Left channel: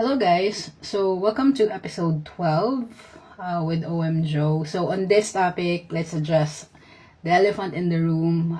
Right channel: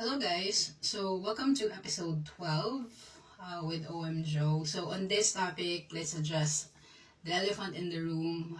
Hello guys, so welcome to episode 12 with OM Joe. So on this topic, let's address the elephant in the room.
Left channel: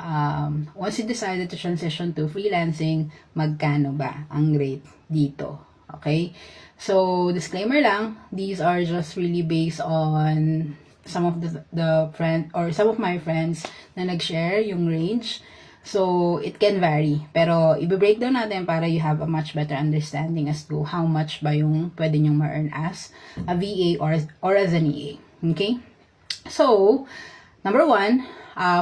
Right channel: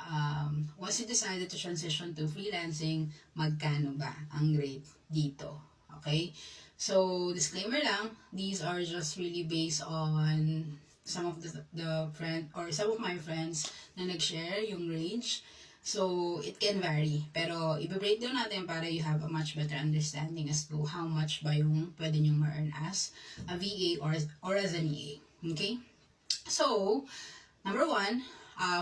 Once you decided to transition to freelancing, magkano ba ang rate dito? Okay? So disclaimer lang, these are just really based on some of some of my friends na nag-share yung range. So, it can vary. Pero, i-breakdown natin para you have a much better understanding as to how much ba yung pwede nyong ma-earn as a VA or as an EA. Okay? So, number one,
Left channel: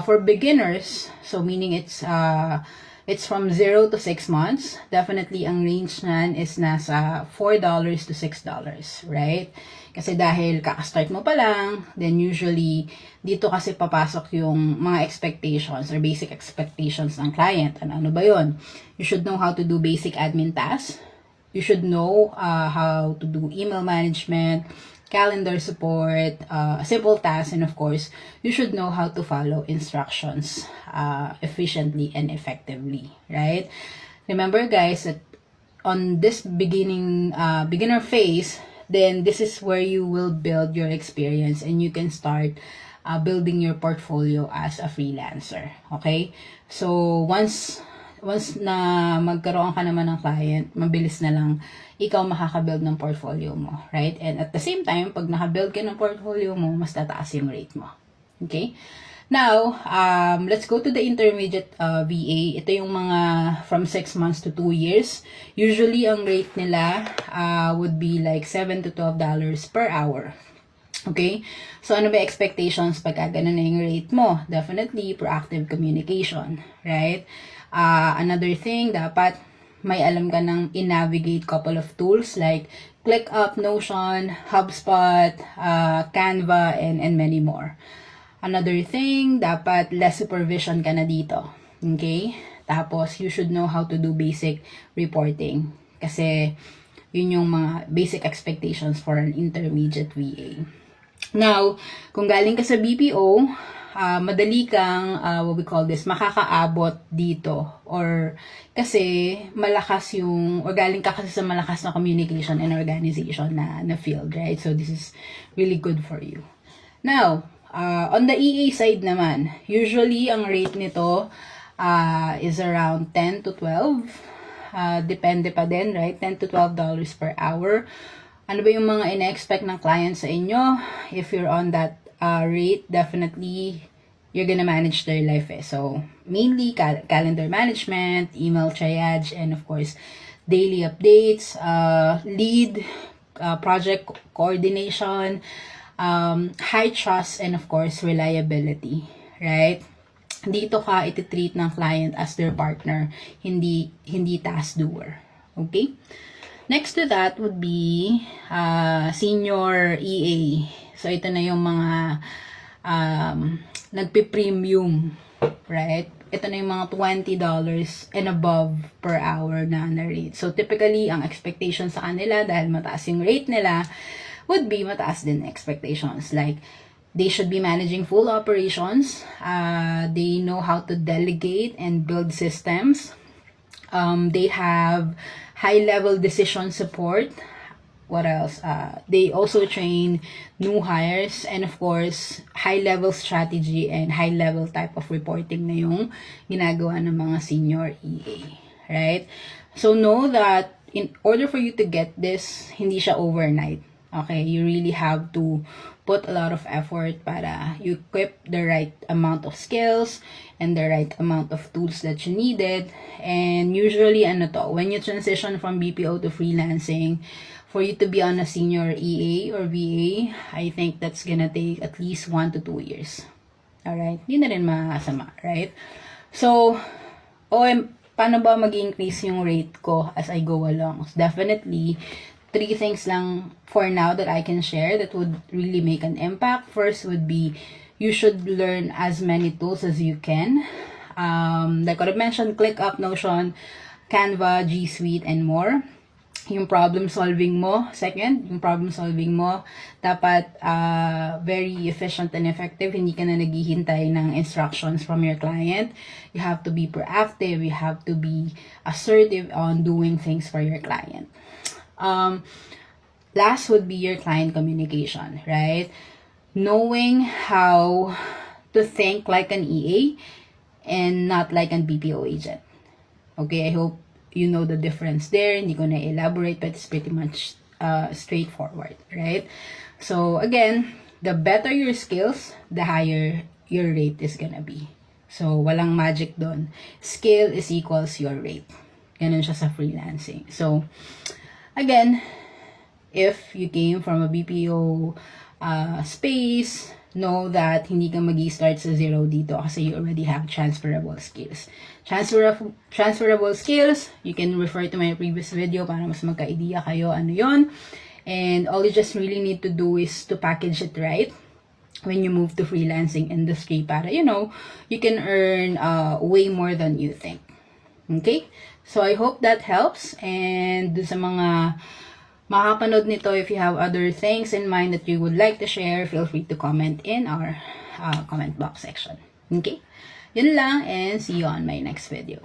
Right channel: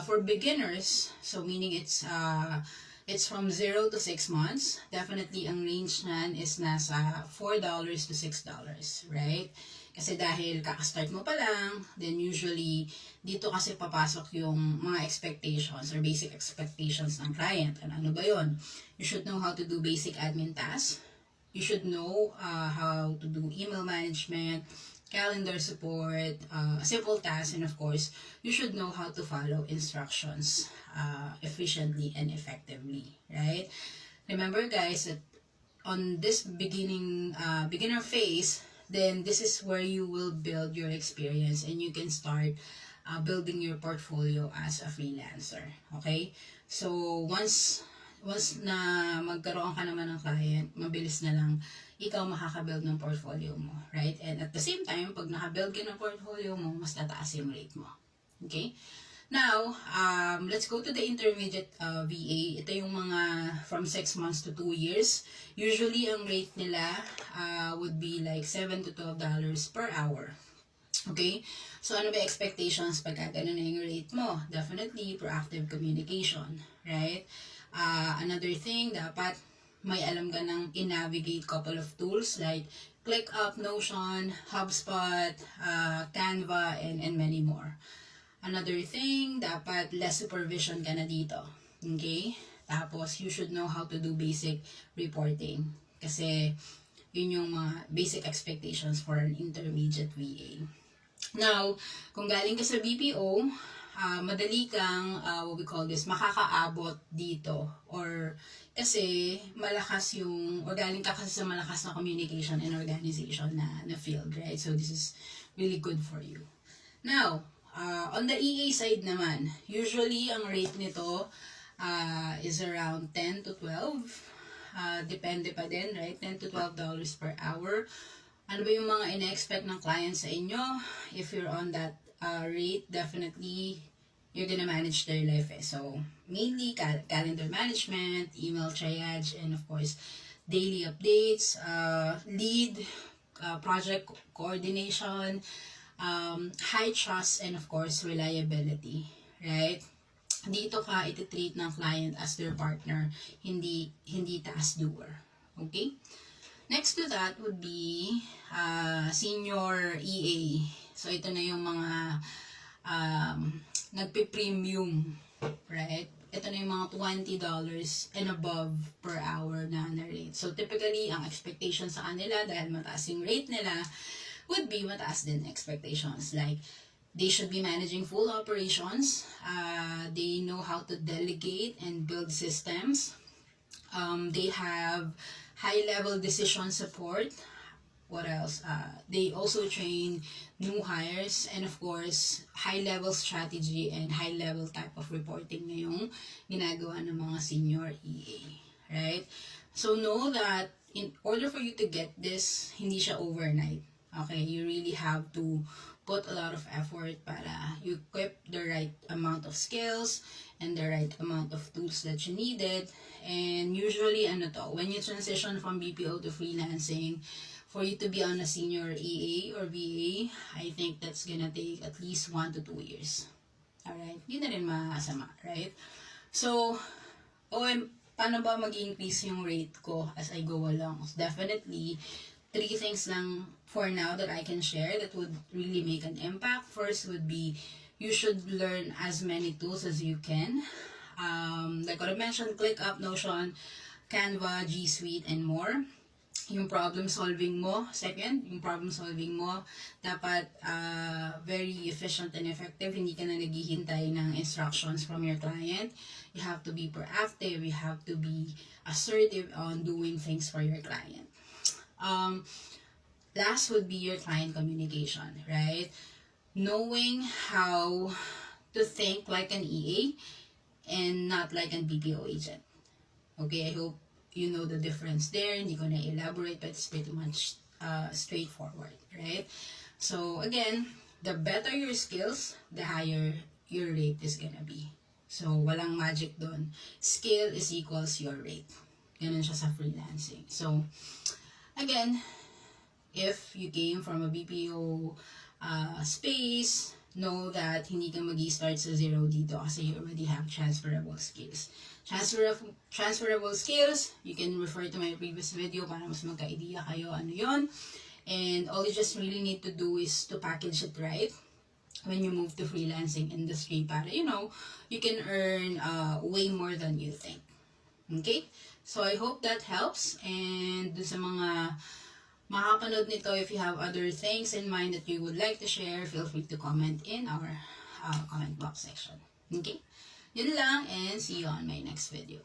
for beginners, so meaning it's from 0 to 6 months, definitely ang range nan is nasa $4 to $6, right? Kasi dahil kaka-start mo pa lang, then usually, dito kasi papasok yung mga expectations or basic expectations ng client. Ano ba yun? You should know how to do basic admin tasks. You should know how to do email management, calendar support, simple tasks, and of course, you should know how to follow instructions efficiently and effectively, right? Remember guys, that on this beginner phase, then this is where you will build your experience and you can start building your portfolio as a freelancer. Okay? So, once na magkaroon ka naman ng client, mabilis na lang ikaw makaka-build ng portfolio mo. Right? And at the same time, pag naka-build ka ng portfolio mo, mas tataas yung rate mo. Okay? Now, let's go to the intermediate VA. Ito yung mga from 6 months to 2 years. Usually, ang rate nila would be like $7 to $12 per hour. Okay? So, ano ba expectations pagka ganun na yung rate mo? Definitely, proactive communication. Right? Another thing, dapat may alam ka ng in-navigate couple of tools like ClickUp, Notion, HubSpot, Canva, and many more. Another thing, dapat less supervision ka na dito. Okay? Tapos, you should know how to do basic reporting. Kasi, yun yung mga basic expectations for an intermediate VA. Now, kung galing ka sa BPO, madali kang, what we call this, makakaabot dito. Or, kasi, malakas yung, or galing ka kasi sa malakas na communication and organization na field, right? So, this is really good for you. Now, on the EA side naman, usually ang rate nito is around 10 to 12. Depende pa din, right? 10 to $12 per hour. Ano ba yung mga ina-expect ng client sa inyo? If you're on that rate, definitely you're gonna manage their life. So, mainly calendar management, email triage, and of course, daily updates, lead, project coordination, high trust, and of course, reliability, right? Dito ka iti-treat ng client as their partner, hindi task doer. Okay? Next to that would be senior EA. So, ito na yung mga nagpi-premium, right? Ito na yung mga $20 and above per hour na rate. So, typically, ang expectation sa kanila, dahil mataas yung rate nila, would be mataas din expectations. Like, they should be managing full operations. They know how to delegate and build systems. They have high-level decision support. What else? They also train new hires, and of course, high-level strategy and high-level type of reporting na yung ginagawa ng mga senior EA. Right? So, know that in order for you to get this, hindi siya overnight. Okay, you really have to put a lot of effort para you equip the right amount of skills and the right amount of tools that you needed. And usually, when you transition from BPO to freelancing, for you to be on a senior EA or VA, I think that's gonna take at least 1 to 2 years. Alright? Hindi na rin masama, right? So, paano ba mag-increase yung rate ko as I go along? So, definitely, 3 things lang for now that I can share that would really make an impact. First would be, you should learn as many tools as you can. Like what I mentioned, ClickUp, Notion, Canva, G Suite, and more. Yung problem solving mo, second, yung problem solving mo, dapat very efficient and effective. Hindi ka na naghihintay ng instructions from your client. You have to be proactive. You have to be assertive on doing things for your client. Last would be your client communication, right? Knowing how to think like an EA and not like an BPO agent. Okay, I hope you know the difference there. Hindi ko na elaborate, but it's pretty much straightforward, right? So again, the better your skills, the higher your rate is gonna be. So walang magic doon. Skill is equals your rate. Ganun siya sa freelancing. So again, if you came from a BPO space, know that hindi ka magi-start sa zero dito kasi you already have transferable skills. Transferable skills, you can refer to my previous video para mas magka-idea kayo ano yon. And all you just really need to do is to package it right when you move to freelancing industry para, you know, you can earn way more than you think. Okay? So, I hope that helps. And dun sa mga makapanood nito, if you have other things in mind that you would like to share, feel free to comment in our comment box section. Okay? Yun lang, and see you on my next video.